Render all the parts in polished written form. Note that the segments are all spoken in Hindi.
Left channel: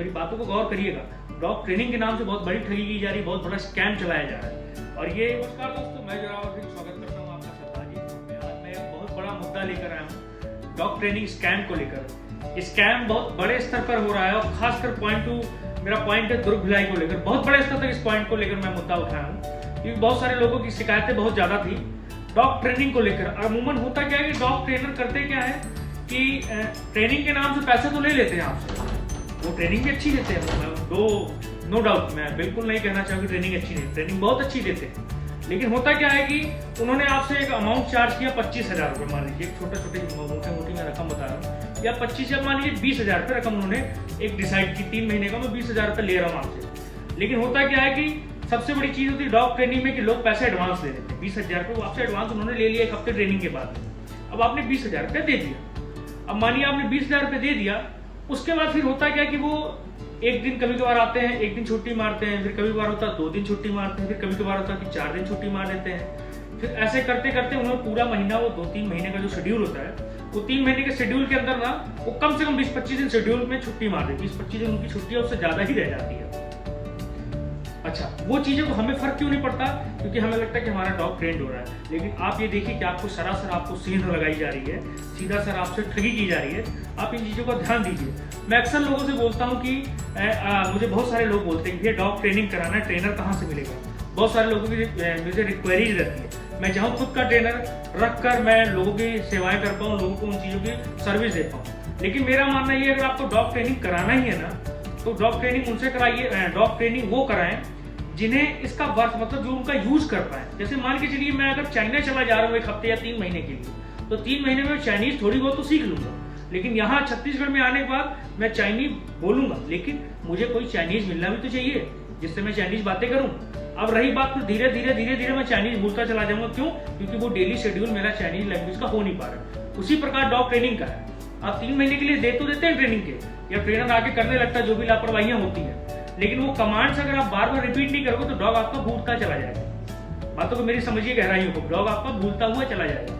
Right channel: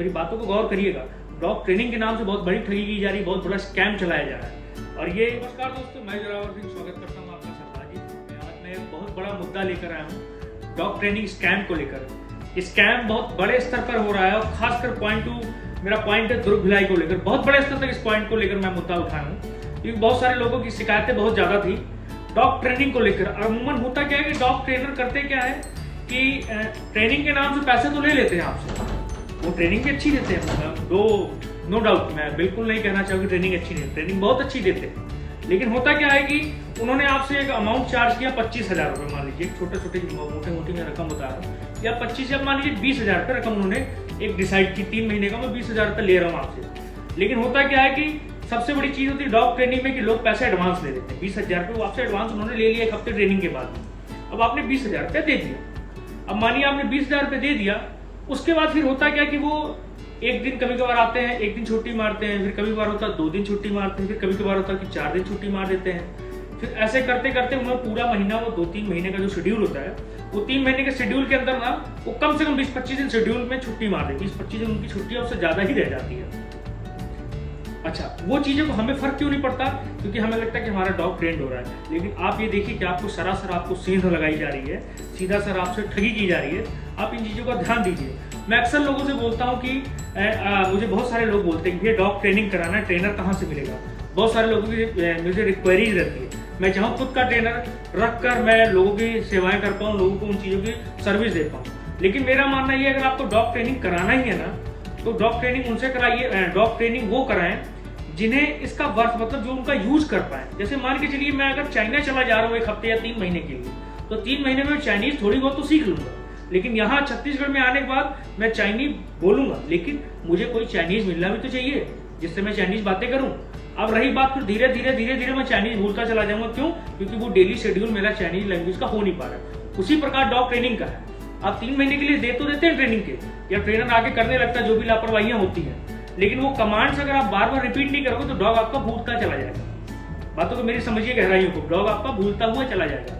मेरी बातों को गौर करिएगा। डॉग ट्रेनिंग के नाम से बहुत बड़ी ठगी की जा रही है, बहुत बड़ा स्कैम चलाया जा रहा है। और ये नमस्कार दोस्तों, मैं जरावर सिंह स्वागत करता हूँ आपका सरदार जी। आज मैं एक बहुत बड़ा मुद्दा लेकर आया हूँ डॉग ट्रेनिंग स्कैम को लेकर। स्कैम बहुत बड़े स्तर पर हो रहा है और खासकर मेरा पॉइंट है दुर्ग भिलाई को लेकर। बहुत बड़े स्तर तक इस पॉइंट को लेकर मैं मुद्दा उठाया हूँ क्योंकि बहुत सारे लोगों की शिकायतें बहुत ज्यादा थी डॉग ट्रेनिंग को लेकर। अमूमन होता क्या है कि डॉग ट्रेनर करते क्या है कि ट्रेनिंग के नाम से पैसे तो ले लेते हैं आपसे। वो ट्रेनिंग भी अच्छी देते हैं, नो डाउट, मैं बिल्कुल नहीं कहना चाहूँगी ट्रेनिंग अच्छी नहीं, ट्रेनिंग बहुत अच्छी देते हैं। लेकिन होता क्या है कि उन्होंने आपसे एक अमाउंट चार्ज किया 25,000 रुपये, मान लीजिए छोटे मोटी मैं रकम बता रहा हूँ, या 25 या मान लीजिए 20,000 रुपये रकम उन्होंने एक डिसाइड की 3 महीने का मैं 20,000 रुपये ले रहा हूँ आपसे। लेकिन होता क्या है कि सबसे बड़ी चीज होती है डॉग ट्रेनिंग में कि लोग पैसे एडवांस ले लेते हैं। 20,000 रुपये वो आपसे एडवांस उन्होंने ले लिया एक हफ्ते ट्रेनिंग के बाद। अब आपने 20,000 रुपये दे दिया। अब मानिए आपने 20,000 रुपये दे दिया, उसके बाद फिर होता क्या कि वो एक दिन कभी कभार आते हैं, एक दिन छुट्टी मारते हैं, फिर कभी कभार होता है 2 दिन छुट्टी मारते हैं, फिर कभी कभार होता है कि 4 दिन छुट्टी मार देते हैं। फिर ऐसे करते करते उन्हें पूरा महीना, वो 2-3 महीने का जो शेड्यूल होता है, वो 3 महीने के शेड्यूल के अंदर ना वो कम से कम 20-25 दिन शेड्यूल में छुट्टी मार देती है। 20-25 दिन उनकी छुट्टी उससे ज्यादा ही रह जाती है। अच्छा, वो चीजों को हमें फर्क क्यों नहीं पड़ता? क्योंकि हमें लगता है कि हमारा डॉग ट्रेंड हो रहा है। लेकिन आप ये देखिए कि आपको सरासर आपको सेंध लगाई जा रही है, सीधा सर आपसे ठगी की जा रही है। आप इन चीजों का ध्यान दीजिए। मैं अक्सर लोगों से बोलता हूँ कि मुझे बहुत सारे लोग बोलते हैं कि ये डॉग ट्रेनिंग कराना है, ट्रेनर कहाँ से मिलेगा? बहुत सारे लोगों की मुझे रिक्वायरीज रहती है। मैं चाहूँ खुद का ट्रेनर रख कर मैं लोगों की सेवाएं कर पाऊँ, लोगों को उन चीजों की सर्विस दे पाऊँ। लेकिन मेरा मानना ये, अगर आपको डॉग ट्रेनिंग कराना ही है ना, तो डॉग ट्रेनिंग उनसे कराइए। डॉग ट्रेनिंग वो कराएं जिन्हें इसका वर्थ, मतलब जो उनका यूज कर पाए। जैसे मान के चलिए मैं अगर चाइना चला जा रहा हूँ 1 हफ्ते या 3 महीने के लिए, तो 3 महीने में चाइनीज थोड़ी बहुत तो सीख लूंगा। लेकिन यहाँ छत्तीसगढ़ में आने के बाद मैं चाइनीज बोलूंगा, लेकिन मुझे कोई चाइनीज मिलना भी तो चाहिए जिससे मैं चाइनीज बातें करूं। अब रही बात, फिर धीरे धीरे मैं चाइनीज भूलता चला जाऊंगा। क्यों? क्योंकि वो डेली शेड्यूल मेरा चाइनीज लैंग्वेज का हो नहीं पा रहा। उसी प्रकार डॉग ट्रेनिंग का है। आप 3 महीने के लिए दे तो देते हैं ट्रेनिंग के, या ट्रेनर आके करने लगता है जो भी लापरवाहियां होती है, लेकिन वो कमांड्स अगर आप बार बार रिपीट नहीं करोगे तो डॉग आपका भूलता चला जाएगा। बातों को मेरी समझिए गहराइयों को, डॉग आपका भूलता हुआ चला जाएगा।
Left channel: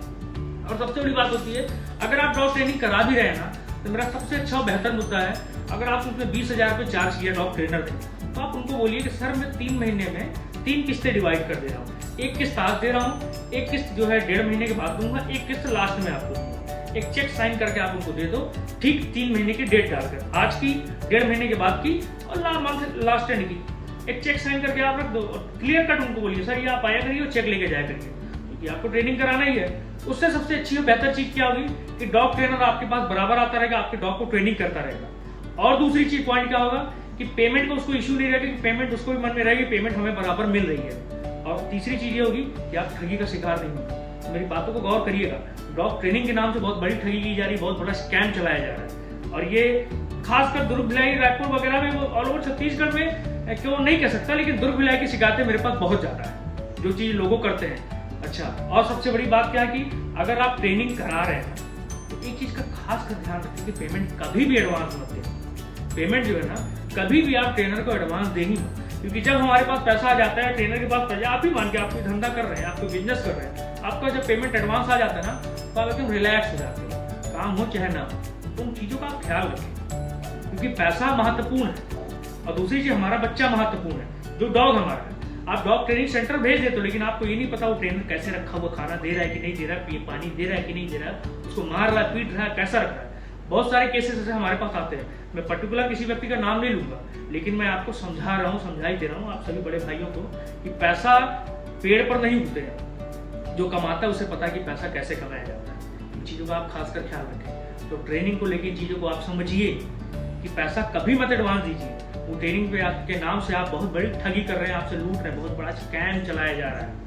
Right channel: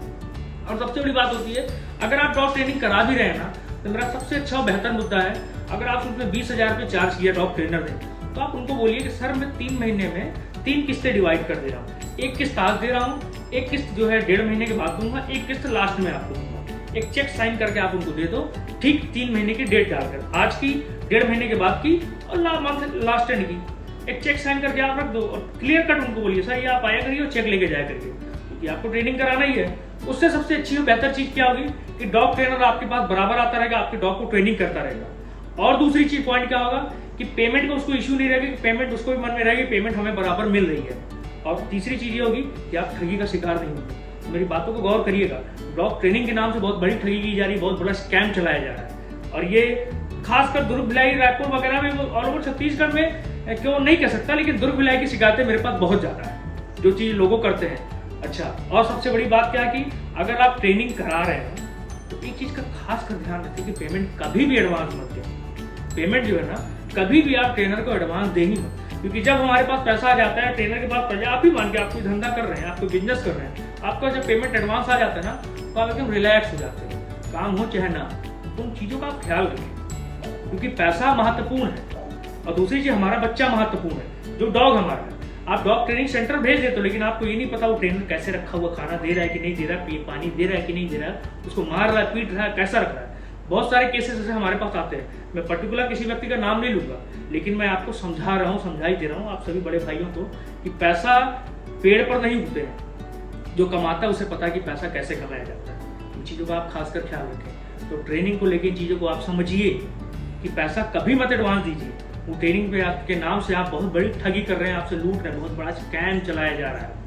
और सबसे बड़ी बात होती है, अगर आप डॉग ट्रेनिंग करा भी रहे हैं ना, तो मेरा सबसे अच्छा और बेहतर मुद्दा है, अगर आप उसमें 20,000 रुपये चार्ज किया डॉग ट्रेनर ने, तो आप उनको बोलिए कि सर मैं 3 महीने में 3 किस्तें डिवाइड कर दे रहा हूँ। 1 किस्त आज दे रहा हूँ, 1 किस्त जो है 1.5 महीने के बाद दूंगा, 1 किस्त लास्ट में आपको दूंगा। एक चेक साइन करके आप उनको दे दो, ठीक 3 महीने की डेट डालकर, आज की, 1.5 महीने के बाद की और मंथ लास्ट एंड की। एक चेक साइन करके आप रख दो और क्लियर कट उनको बोलिए सर ये आप आया करिए और चेक लेके जाया करिए, क्योंकि आपको ट्रेनिंग कराना ही है। उससे सबसे अच्छी और बेहतर चीज क्या होगी कि डॉग ट्रेनर आपके पास बराबर आता रहेगा, आपके डॉग को ट्रेनिंग करता रहेगा। और दूसरी चीज पॉइंट क्या होगा कि पेमेंट का उसको इश्यू नहीं रहेगा, कि पेमेंट उसको भी मन में रहेगी पेमेंट हमें बराबर मिल रही है। और तीसरी चीज ये होगी कि आप ठगी का शिकार नहीं होंगे। मेरी बातों को गौर करिएगा। डॉग ट्रेनिंग के नाम से बहुत बड़ी ठगी की जा रही है, बहुत बड़ा स्कैम चलाया जा रहा है। और ये खासकर दुर्ग भिलाई, रायपुर वगैरह में, ऑल ओवर छत्तीसगढ़ में क्यों नहीं कह सकता, लेकिन दुर्ग भिलाई की शिकायतें मेरे पास बहुत ज्यादा है, जो चीज लोगों करते हैं। अच्छा, और सबसे बड़ी बात क्या है कि अगर आप ट्रेनिंग करा रहे हैं तो एक चीज का खास कर ध्यान रखें कि पेमेंट कभी भी एडवांस मत दें। पेमेंट जो है ना, कभी भी आप ट्रेनर को एडवांस दे ही मत, क्योंकि जब हमारे पास पैसा आ जाता है ट्रेनर के पास पैसा, आप ही मान के आप कोई धंधा कर रहे हैं, आप कोई बिजनेस कर रहे हैं, आपका जब पेमेंट एडवांस आ जाता है ना, तो आप एकदम रिलैक्स हो जाते हैं। काम हो चाहे ना, तो उन चीजों का आप ख्याल रखें, क्योंकि पैसा महत्वपूर्ण है। और दूसरी चीज, हमारा बच्चा महत्वपूर्ण है, जो डॉग हमारा है। आप डॉग ट्रेनिंग सेंटर भेज देते हो, लेकिन आपको ये नहीं पता वो ट्रेनर कैसे रखा हुआ, खाना दे रहा है कि नहीं दे रहा है, पानी दे रहा है कि नहीं दे रहा है, उसको मार रहा है, पीट रहा है, कैसा रख रहा है। बहुत सारे केसेस ऐसे हमारे पास आते हैं। मैं पर्टिकुलर किसी व्यक्ति का नाम नहीं लूंगा, लेकिन मैं आपको समझा रहा हूँ, समझाई दे रहा हूँ आप सभी बड़े भाइयों को कि पैसा पेड़ पर नहीं उगते हैं। जो कमाता है उसे पता है कि पैसा कैसे कमाया जाता है। इन चीजों का आप खासकर ख्याल रखें। तो ट्रेनिंग को लेकर चीजों को आप समझिए कि पैसा कभी मत एडवांस दीजिए। वो ट्रेनिंग पे आपके नाम से आप बहुत बड़ी ठगी कर रहे हैं, आपसे लूट रहे हैं, बहुत बड़ा स्कैम चलाया जा रहा है।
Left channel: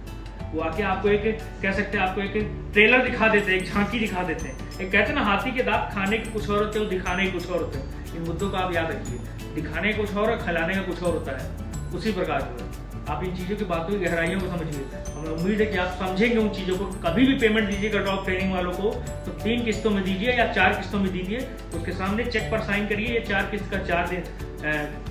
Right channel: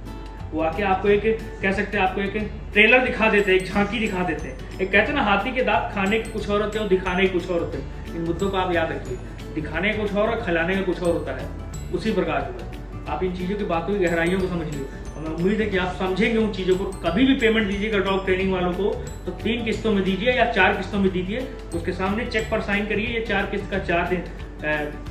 वो आके आपको एक कह सकते हैं, आपको एक ट्रेलर दिखा देते हैं, एक झांकी दिखा देते हैं। एक कहते हैं ना, हाथी के दांत खाने के कुछ और होते हैं और दिखाने के कुछ और होते हैं। इन मुद्दों को आप याद रखिए, दिखाने का कुछ और खिलाने का कुछ और होता है। उसी प्रकार जो है आप इन चीजों की बातों की गहराइयों को समझिए। हमें उम्मीद है कि आप समझेंगे उन चीजों को। कभी भी पेमेंट दीजिएगा डॉग ट्रेनिंग वालों को तो 3 किस्तों में दीजिए या 4 किस्तों में दीजिए। उसके सामने चेक पर साइन करिए। ये 4 किस्त का 4 दिन,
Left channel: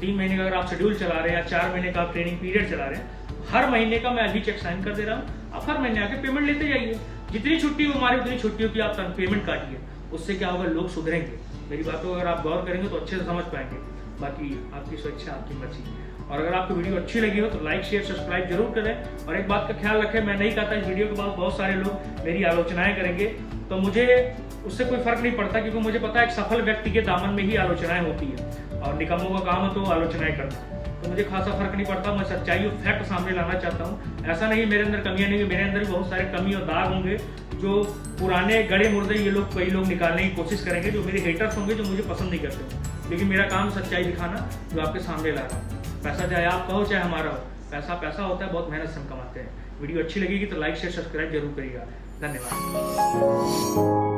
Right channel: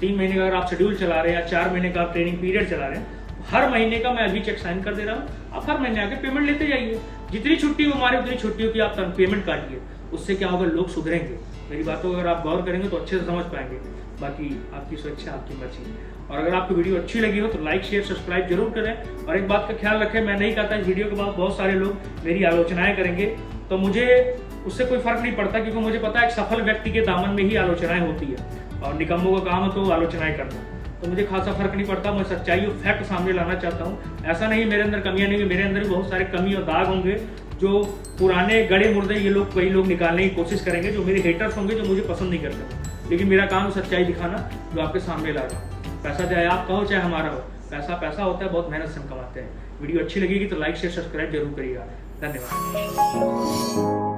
3 महीने का अगर आप शेड्यूल चला रहे हैं या 4 महीने का आप ट्रेनिंग पीरियड चला रहे हैं, हर महीने का मैं अभी चेक साइन कर दे रहा हूँ। आप हर महीने आके पेमेंट लेते जाइए। जितनी छुट्टी हो हमारी उतनी छुट्टियों की आप पेमेंट काटिए। उससे क्या होगा, लोग सुधरेंगे। मेरी बातों को अगर आप गौर करेंगे तो अच्छे से समझ पाएंगे। बाकी आपकी स्वेच्छा, आपकी मर्जी। और अगर आपको वीडियो अच्छी लगी हो तो लाइक शेयर सब्सक्राइब जरूर करें। और एक बात का ख्याल रखें, मैं नहीं कहता इस वीडियो के बाद बहुत सारे लोग मेरी आलोचनाएं करेंगे, तो मुझे उससे कोई फर्क नहीं पड़ता, क्योंकि मुझे पता है एक सफल व्यक्ति के दामन में ही आलोचनाएं होती है और निकम्मों का काम है तो आलोचनाएं करना। तो मुझे खासा फर्क नहीं पड़ता। मैं सच्चाई और फैक्ट सामने लाना चाहता हूँ। ऐसा नहीं मेरे अंदर कमियां नहीं, मेरे अंदर भी बहुत सारे कमी और दाग होंगे जो पुराने गड़े मुर्दे ये लोग कई लोग निकालने की कोशिश करेंगे, जो मेरे हेटर्स होंगे, जो मुझे पसंद नहीं करते। लेकिन मेरा काम सच्चाई दिखाना, जो आपके सामने ला रहा हूँ। पैसा चाहे आपका हो चाहे हमारा हो, पैसा पैसा होता है, बहुत मेहनत से हम कमाते हैं। वीडियो अच्छी लगेगी तो लाइक शेयर सब्सक्राइब जरूर करिएगा। धन्यवाद।